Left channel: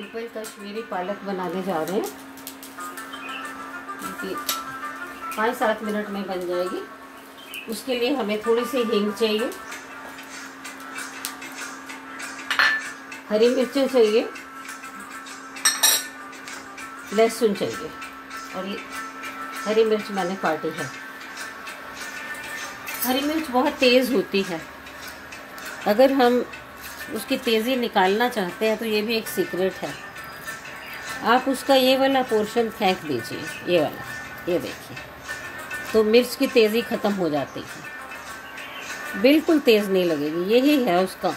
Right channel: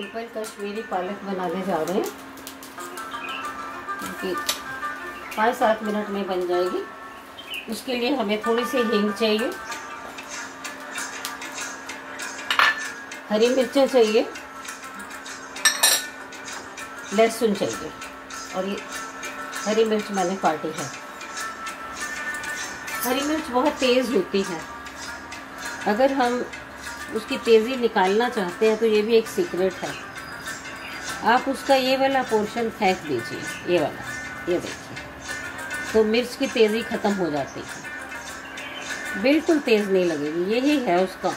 Simple Kashmiri पालक बनाने जा रहे हैं, क्योंकि 5-7 मिनट में बन जाएगी। उसके लिए हमें थोड़ी सी हींग चाहिए, हरी मिर्चें चाहिए, लहसुन चाहिए, और ये हरी मिर्च मैंने काटी है। हरी मिर्च बहुत तेज़ होती है, अगर हम उसकी तेज़ी निकालना चाहते हैं तो ये भी एक सीक्रेट है। आप उसका ये वाला पोर्शन फेंक दीजिए, ये वाला, ये देखिए, तो मिर्च की तेज़ी ख़त्म हो जाती है, बिल्कुल तेज़ नहीं लगेगी। यही है उसका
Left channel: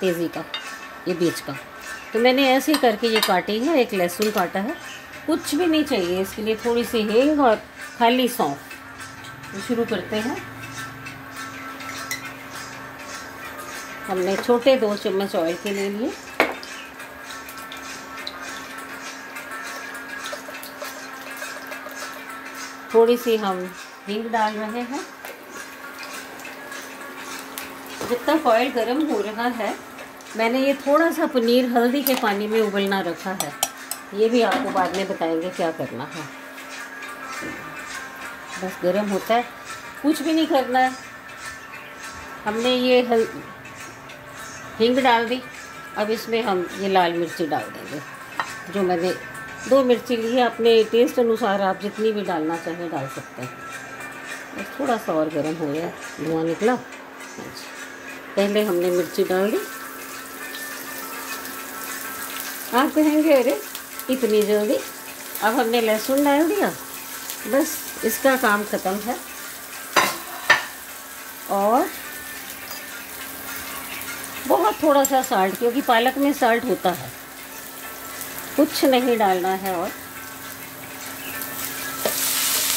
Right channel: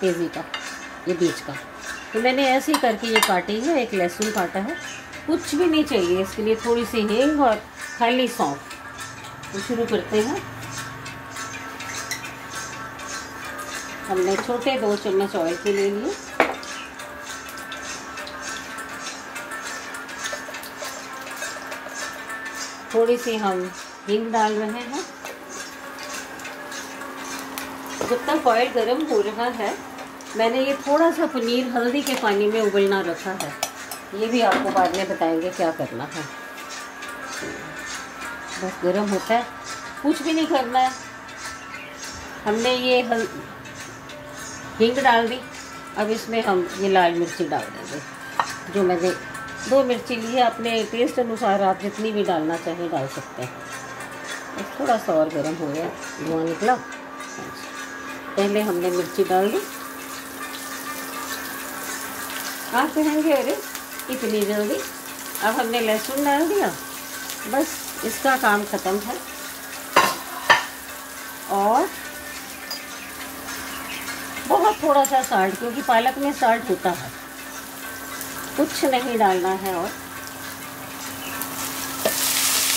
तेज़ी का, ये बीच का। तो मैंने ऐसे ही करके ये काटी है। एक लहसुन काटा है, कुछ भी नहीं चाहिए इसके लिए, थोड़ी सी हींग और खाली सौंफ। तो शुरू करते हैं। हमने छोटे 2 चम्मच ऑयल के ले लिए। थोड़ी सी हम हींग डाल रहे हैं। जब तक ऑयल गर्म हो रहा है, मैंने ये थोड़ा सा पनीर हल्दी के पानी में उबलना रखा है। ये भी आपको बाद में बताएंगे क्या करना है। बस गर्म होता है, कुछ भी नहीं करना है। हमने ये हींग डाल दी। अब इसमें हम ये लाल मिर्ची डाल देंगे, जो मैंने 2 मिर्ची ली है। अपने टेस्ट अनुसार आप जितनी भी डालना चाहें डाल सकते हैं। बस थोड़ा सा और गर्म हो गया, धुआं निकला। पहले हमने मिर्ची डाल दी। आप कहेंगे अरे इतनी जल्दी? अब हमने लहसुन डाल दिया, बस इसका काम ख़त्म है। और बहुत थोड़ा सा साल्ट, क्योंकि पालक में साल्ट होता है, कुछ नहीं डालना है। और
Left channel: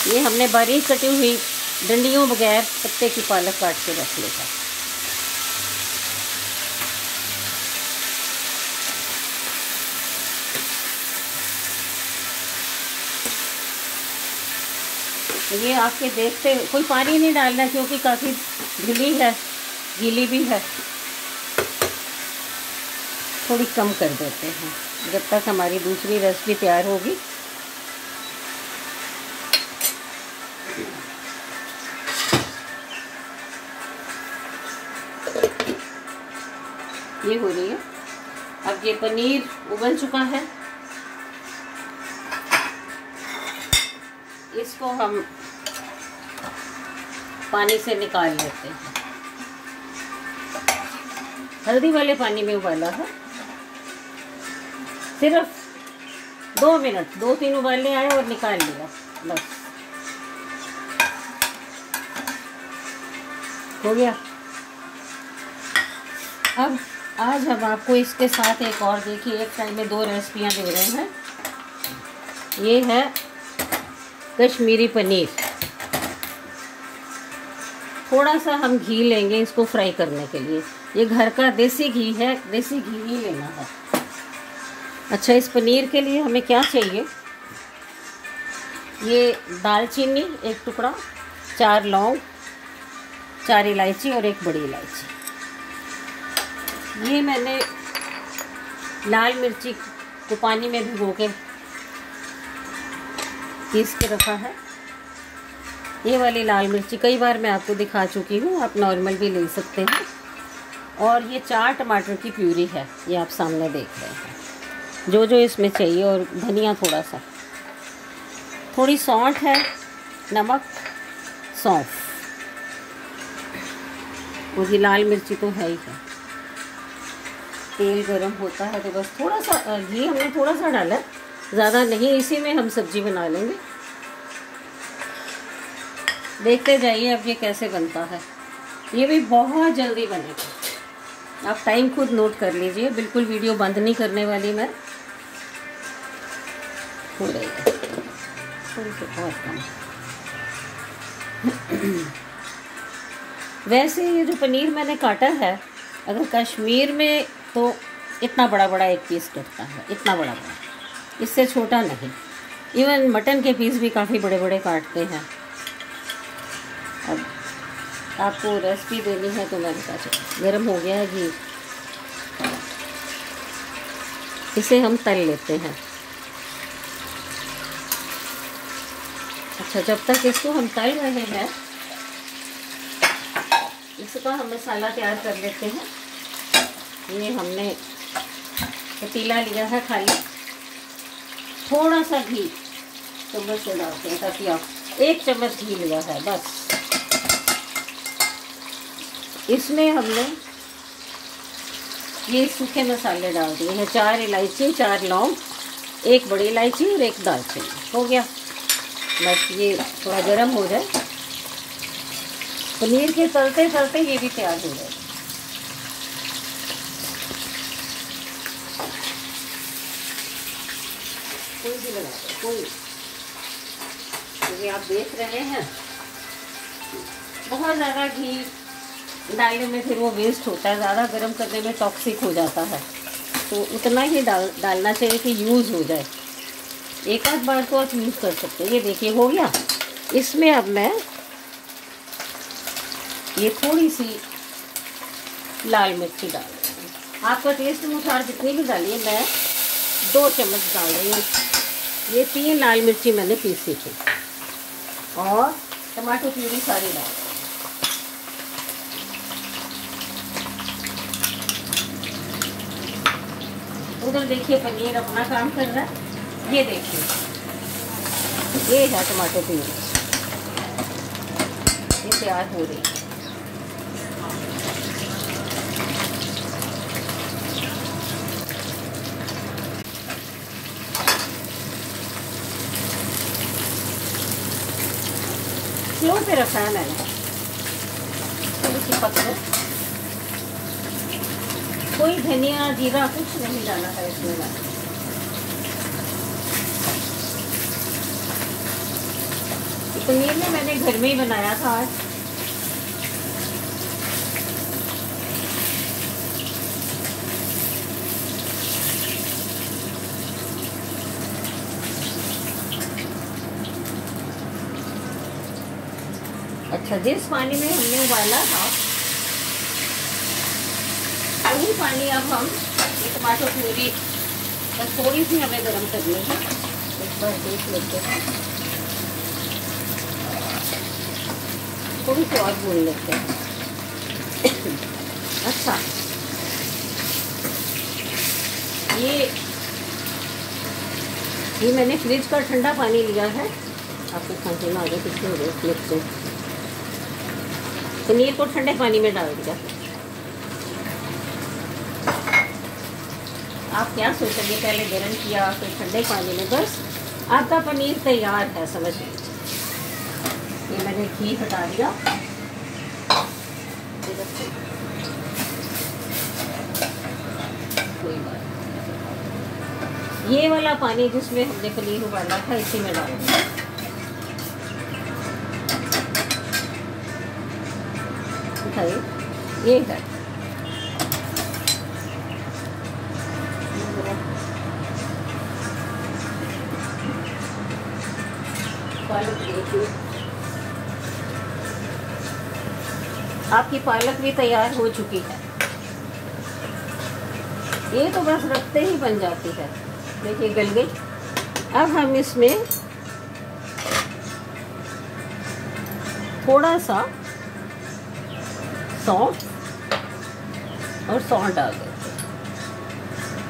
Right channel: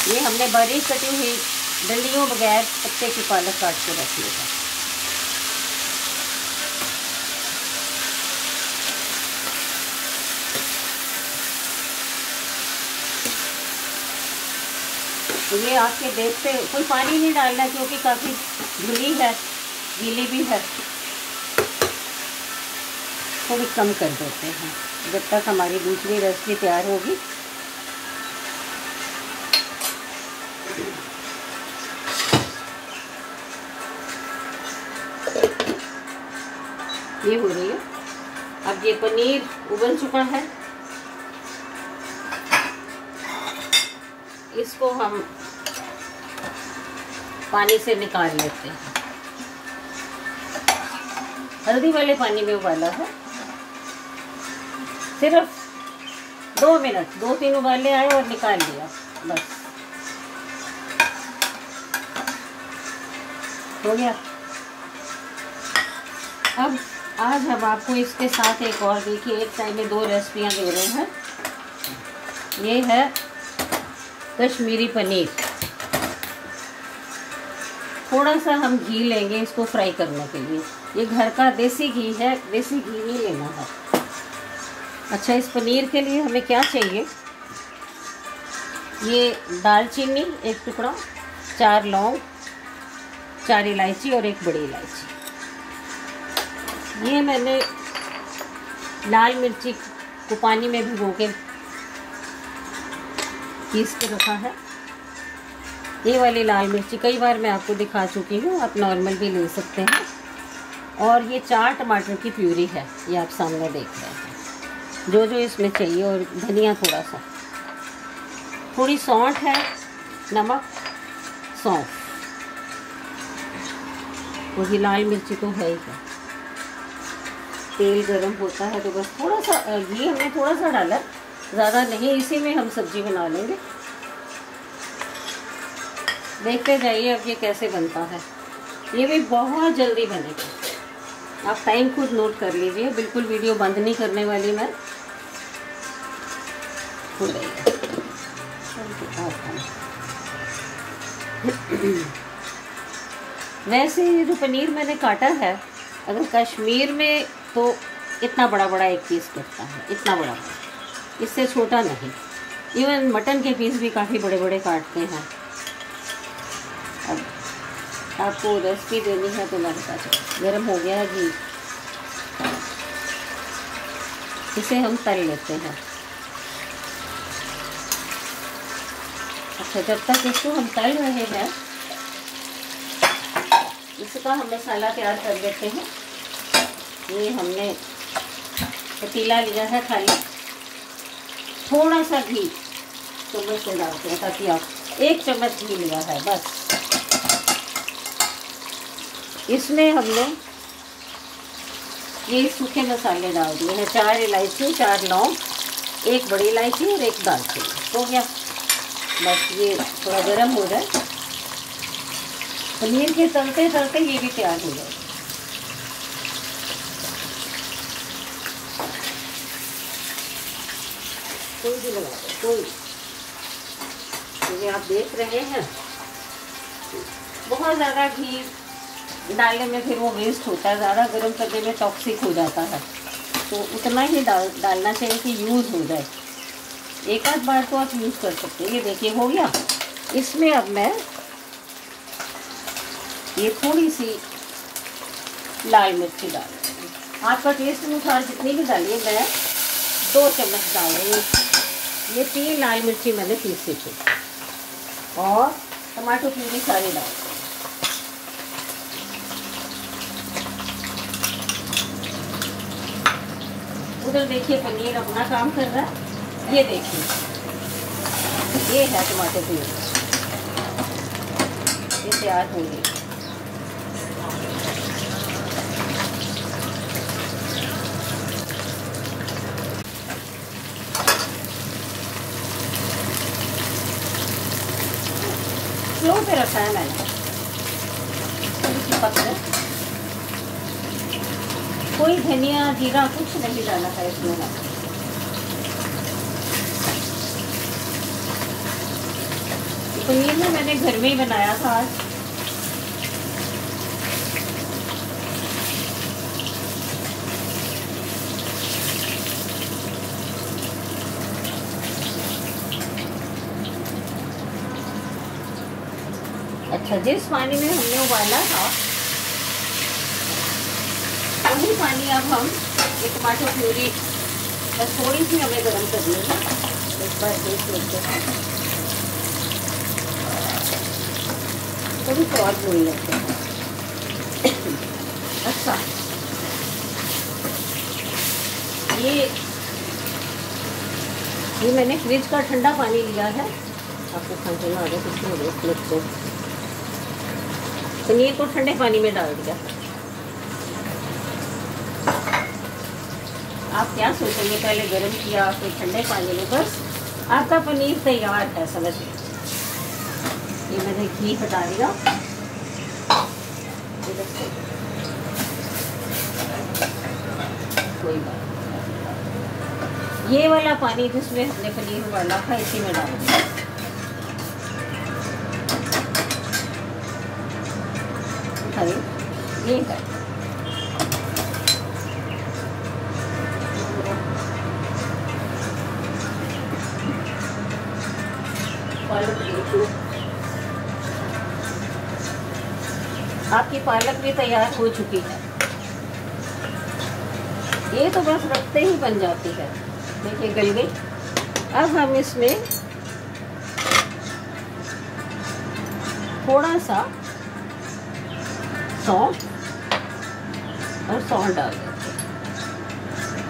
ये हमने बारीक कटी हुई डंडियों बगैर पत्ते की पालक काट के रख लिया। ये आपके देखते, कोई पानी नहीं डालना क्योंकि काफ़ी ढीली है, गीली भी है। थोड़ी कम कर देते हैं जब तक हमारी दूसरी रेसिपी तैयार होगी। ये हो रही है। अब ये पनीर उबल चुका है, इसको हम पानी से निकाल लेते हैं। हल्दी वाले पानी में उबाला है, सिर्फ 2 मिनट, 2-3 उबाले आए और निकाल लिया, बस हो गया। अब आज हम आपको इसके साथ एक और, देखिए एक साइड में 2 रेसिपियां दे रहे हैं। ये है कश्मीरी पनीर। थोड़ा सा हम घी लेंगे इसको फ्राई करने के लिए। ये घर का देसी घी है, देसी घी ही लेना है। अच्छा, इस पनीर के लिए हमें क्या चाहिए? ये दालचीनी 1 टुकड़ा, 4 लौंग, 4 इलायची और 1 बड़ी इलायची। ये मैंने लाल मिर्ची को पानी में भिगो के पीस के रखा है। ये वाली लाल मिर्ची कई बार मैं आपको दिखा चुकी हूँ, आप नॉर्मल भी ले सकते हैं। और ये 4 टमाटर की प्यूरी है, ये आप सामने देख रहे हैं, जो जो इसमें चाहिए। और धनिया थोड़ा सा, थोड़ी सौंठ है, नमक, सौंफ, मुझे लाल मिर्ची तो है ही है। तेल गरम होता है तो बस थोड़ा सा घी हमने थोड़ा सा डाला, ज़्यादा नहीं। इसी में हम सब्जी बना लेंगे। देखते जाइए अब ये कैसे बनता है। ये भी बहुत जल्दी बनेगा, आप टाइम खुद नोट कर लीजिए। बिल्कुल वीडियो बंद नहीं करने वाली मैं। हो रही है। वैसे ये जो पनीर मैंने काटा है, अगर कश्मीर में तो इतना बड़ा बड़ा एक पीस कटता है, इतना बड़ा बड़ा, इससे छोटा नहीं। इवन मटन के पीस भी काफ़ी बड़े बड़े काटते हैं। आपको रेसिपी देनी है तो मैं बता चुका। गर्म हो गया है घी, इसे हम तल लेते हैं। अच्छा, जब तक इसको हम तल रहे हैं इसका हम मसाला तैयार कर लेते हैं। ये हमने पतीला लिया है खाली, थोड़ा सा घी चम्मच से डालते हैं ताकि आप 1 चम्मच घी लिया है बस। इसमें हमने ये सूखे मसाले डाल दिए हैं, 4 इलायची, 4 लौंग, 1 बड़ी इलायची और 1 दालचीनी। हो गया, बस ये थोड़ा गर्म हो जाए। पनीर के तलते तलते ये भी तैयार हो जाए। कोई भी लगा दो, कोई। ये आप देख रहे हैं, बहुत ज़्यादा घी डालने में फिर वो वेस्ट होता है, ज़्यादा गर्म करने में टॉक्सिक हो जाता है, तो उतना ही डालना चाहिए कि यूज़ हो जाए। एक आध बार तो आप यूज़ कर सकते हैं। ये देखिए हो गया। इसमें अब मैं ये थोड़ी सी लाल मिर्ची डाल रही हूँ। आपका टेस्ट अनुसार जितनी भी डालिए, मैं 2 चम्मच डाल रही हूँ। ये 3 लाल मिर्ची मैंने पीसी थी और टमाटर प्यूरी सारी डाल। उधर देखिए पनीर अपना काम कर रहा है। ये देखिए, ये है टमाटर प्यूरी, ये तैयार हो रही है। स्लो पे रखा है मैंने, कोई धनिया जीरा कुछ नहीं डाला है इसमें। पनीर ना मैंने घर में ही बनाया था आज। अच्छा, जिस पानी में हमने उबाला था वही पानी अब हम ये टमाटर प्यूरी बस थोड़ी सी हमें गर्म करनी है। एक बार देख लेते हैं, थोड़ी सी और भून लेते हैं। अच्छा, ये मैंने फ्रिज का ठंडा पानी लिया है। आपको ठंडा आ गया, किसमें देख लेते हैं। पनीर को ठंडे पानी में डाल दिया। आप क्या सोचेंगे, पहले गर्म किया फिर ठंडे पानी में, बस आपका पनीर तैयार है, समझ लीजिए। ये मैंने घी हटा दिया। कोई बात, ये वाला पानी जिसमें हमने पनीर उबाला था इसी में डाल दिया। ये है आपकी पालक भी तैयार हो चुकी है। ये तो बस रखते ही बन जाती है। देखिए गल गई। अब हम इसमें थोड़ा सा सौंफ और सौंफ डाल देते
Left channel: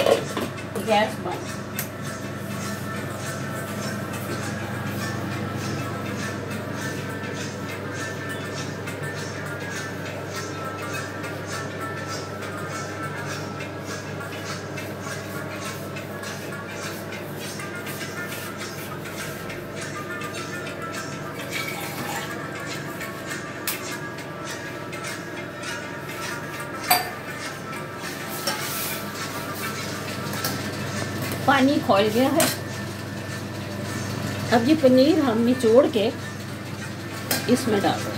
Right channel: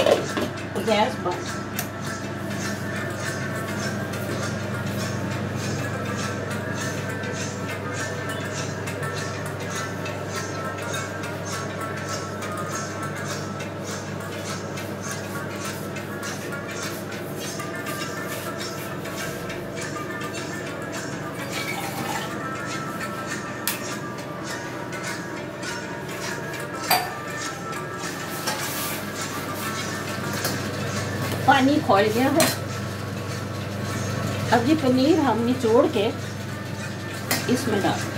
हैं। गैस बंद। पानी खौल गया है। अब ये पनीर हम निचोड़ के इसमें डाल दें।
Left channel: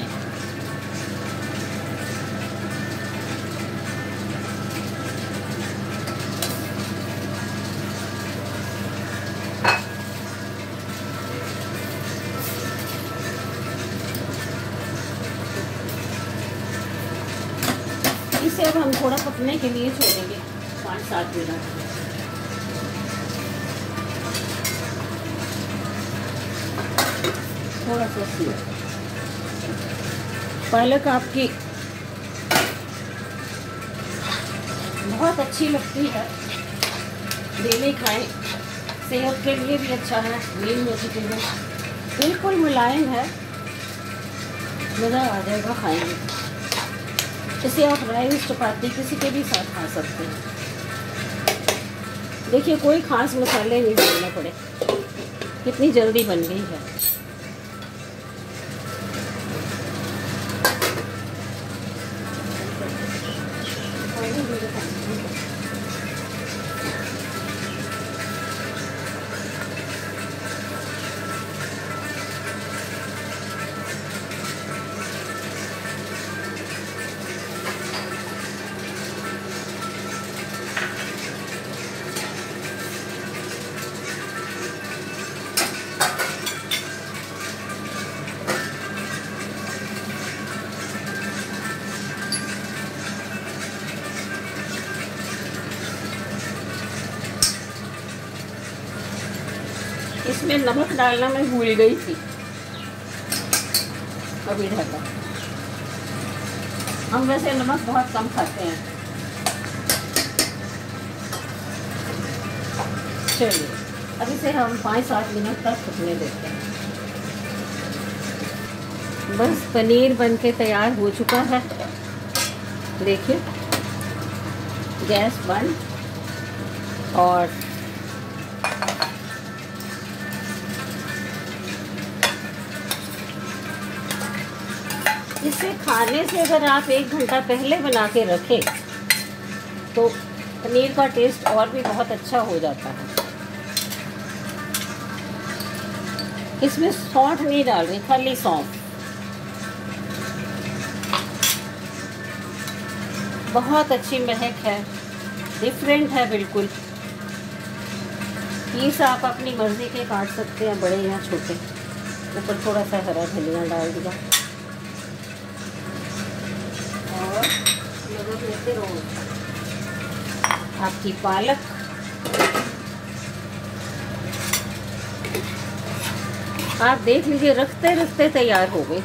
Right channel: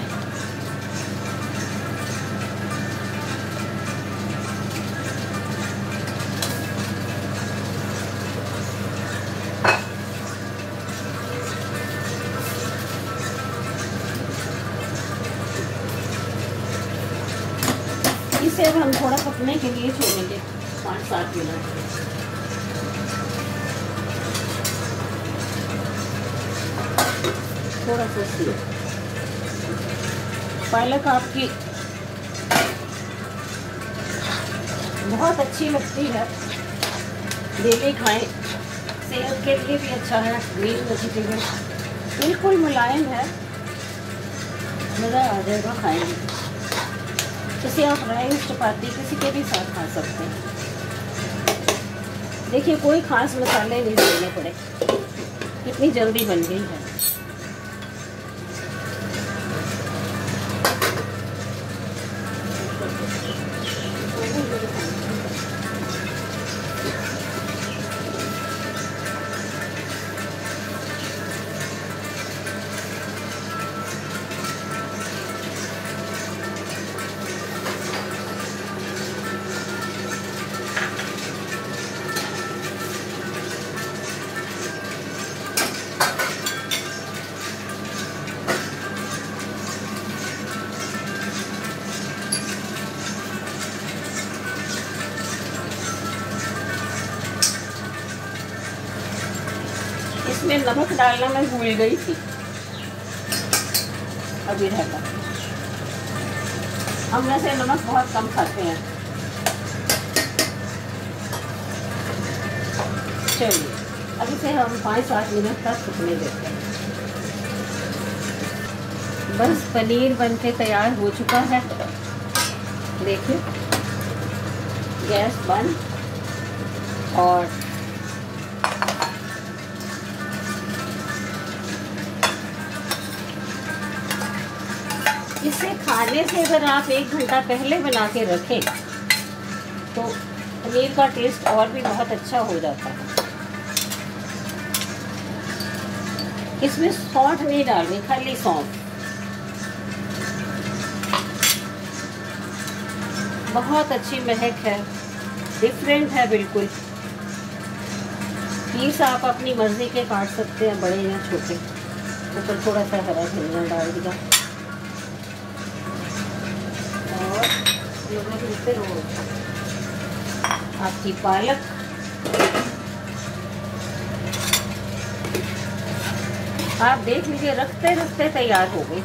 इसे अब हम थोड़ा पकने के लिए छोड़ेंगे 5-7 मिनट। थोड़ा सा सेव। पालक आपकी बहुत अच्छी लगती है, ये नहीं खाएं, सेहत के लिए भी अच्छा है। ग्रीन वेजिटेबल बिल्कुल मुलायम है, मज़ा आ जाएगा खाएंगे। इसे आप राइस चपाती किसी के भी साथ खा सकते हैं। देखिए कोई खास मसाले नहीं डालने पड़े, कितनी जल्दी बन गई है। इसमें नमक डालना मैं भूल गई थी, अभी रहता। हम वैसे नमक बहुत कम खाते हैं। चलिए अब इसे हम 5-7 मिनट तक पकने देते हैं। बस पनीर बनके तैयार हो चुका है। देखिए गैस बंद, और इसे खाने से अगर आप 1 घंटा पहले बना के रखें तो पनीर का टेस्ट और भी बहुत अच्छा हो जाता है। इसमें सौंठ नहीं डाल रही, खाली सौंफ। बहुत अच्छी महक है, डिफरेंट है बिल्कुल। पीस आप अपनी मर्जी के काट सकते हैं, बड़े या छोटे। ऊपर थोड़ा सा हरा धनिया डाल दिया और लेते रहो आपकी पालक। आप देख लीजिए रखते रखते तैयार हो गई।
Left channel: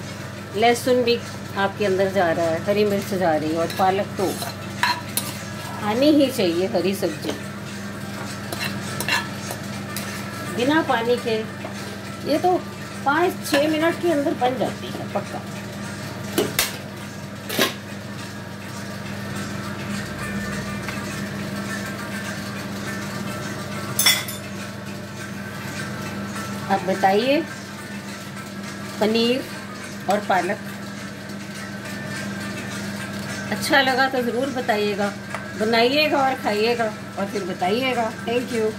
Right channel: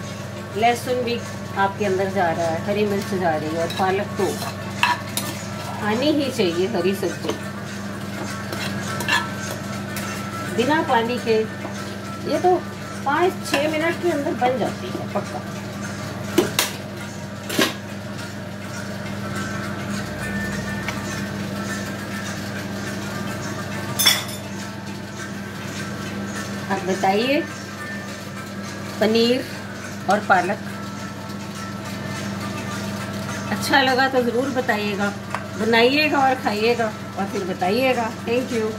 लहसुन भी आपके अंदर जा रहा है, हरी मिर्च जा रही है, और पालक तो आनी ही चाहिए। हरी सब्जी बिना पानी के ये तो 5-6 मिनट के अंदर बन जाती है पक्का। आप बताइए पनीर और पालक अच्छा लगा तो ज़रूर बताइएगा, बनाइएगा और खाइएगा और फिर बताइएगा। Thank you.